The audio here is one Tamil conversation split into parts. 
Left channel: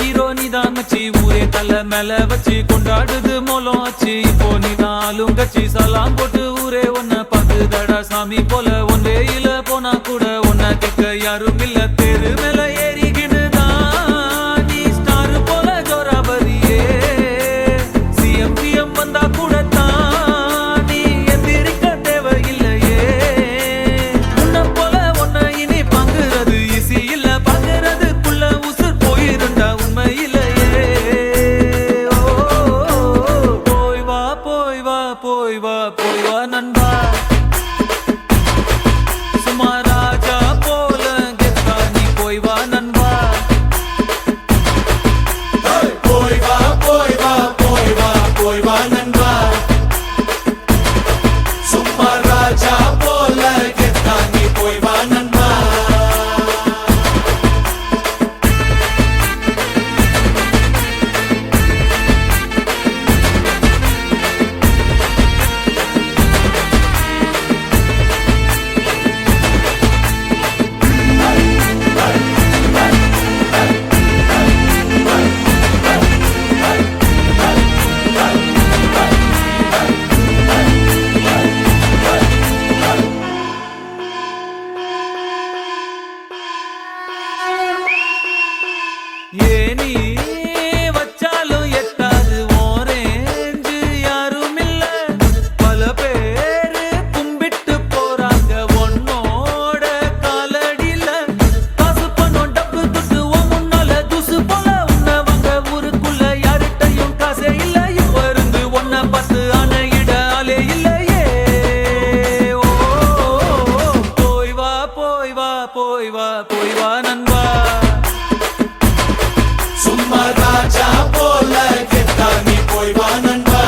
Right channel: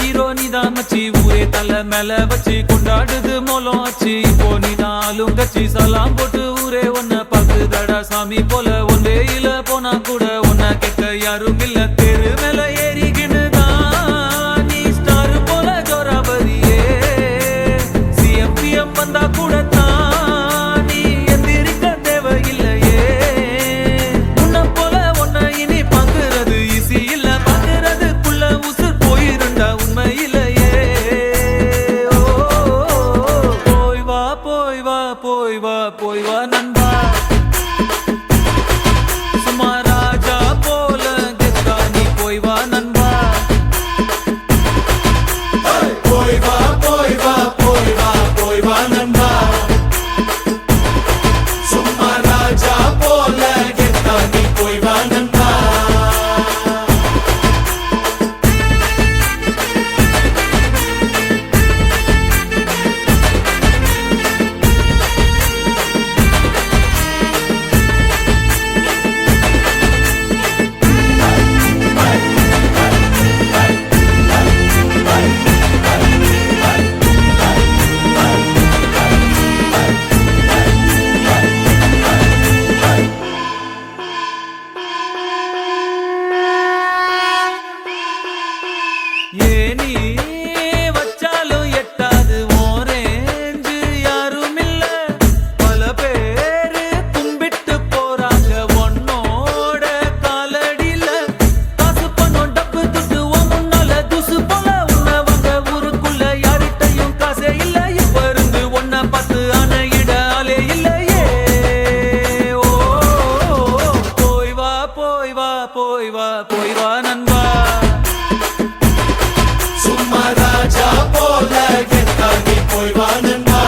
ஹீரோ நீதான் மச்சி, ஊரே தலை மேல வச்சு கொண்டாடுது மோலம் ஆச்சு. இப்போ நீதான் ஆளுங்கச்சி, சலாம் போட்டு ஊரே உன்னை பாக்குதடா சாமி போல. ஒன் வேயில போனா கூட உன்னை கேட்க யாரும் இல்ல. தெரு மேல ஏறிக்கினுதான் நீ ஸ்டார் போல ஜோராபதியே. சிஎம் வந்தா கூட தான் நீ எந்திரிக்க தேவையில்லையே. உன்னை போல ஒன்ன இனி பாக்குறது ஈசி இல்ல, பாக்குறதுக்குள்ள உசுர் போயிருண்டா உண்மையிலேயே. போய் வா போய் வா போய் வா போய் வா நண்பா, சும்மா ராஜா போல கெத்தா நீ போய் வா நண்பா. போய் வா போய் வா போய் வா போய் வா நண்பா, சும்மா ராஜா போல கெத்தா நீ போய் வா நண்பா. ஏனி வச்சாலும் எட்டாது ஓரேஞ்சு யாரும் இல்ல. பல பேரு கும்பிட்டு போறாங்க ஒன்னோட காலடியில. காசு பணம் டப்பு துட்டு முன்னால தூசு போல உன்னை வாங்க ஊருக்குள்ள யார்கிட்டையும் காசே இல்ல. இப்ப இருந்து ஒன்ன பார்த்து அணையிட ஆளே இல்லையே. ஓ போய் வா போய் வா போய் வா போய் வா நண்பா, ராஜா போல கெத்தா நீ போய் வா நண்பா.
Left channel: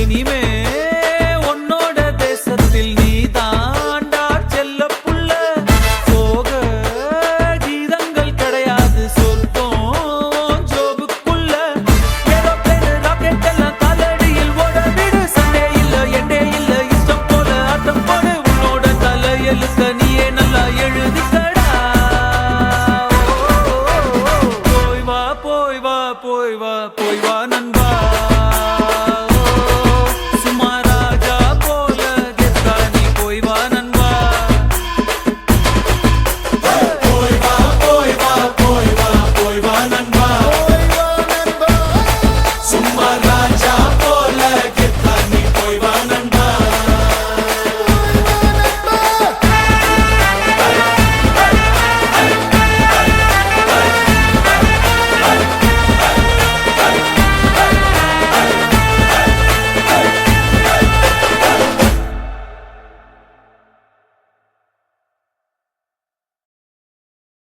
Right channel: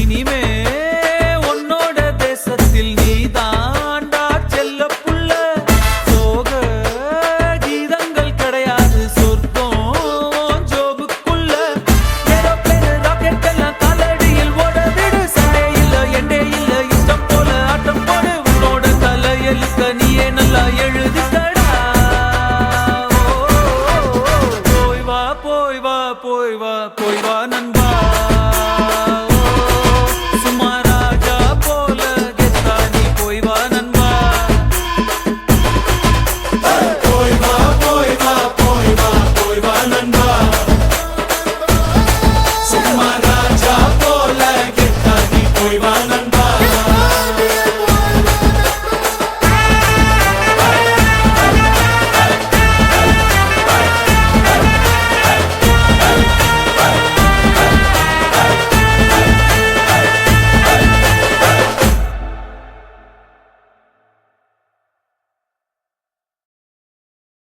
இனிமே உன்னோட தேசத்தில் நீ தாண்டா செல்ல புள்ள. சோக கீதங்கள் கிடையாது சொர்க்கம் ஜோபுக்குள்ள. ஏரோப்ளேன் ராக்கெட் எல்லாம் காலடியில் ஓட விடு. சண்டே இல்ல எண்டே இல்ல, இஷ்டம் போல ஆட்டம் போடு. உன்னோட தலையெழுத்த நீயே நல்லா எழுதிக்கடா. போய் வா போய் வா போய் வா போய் வா நண்பா,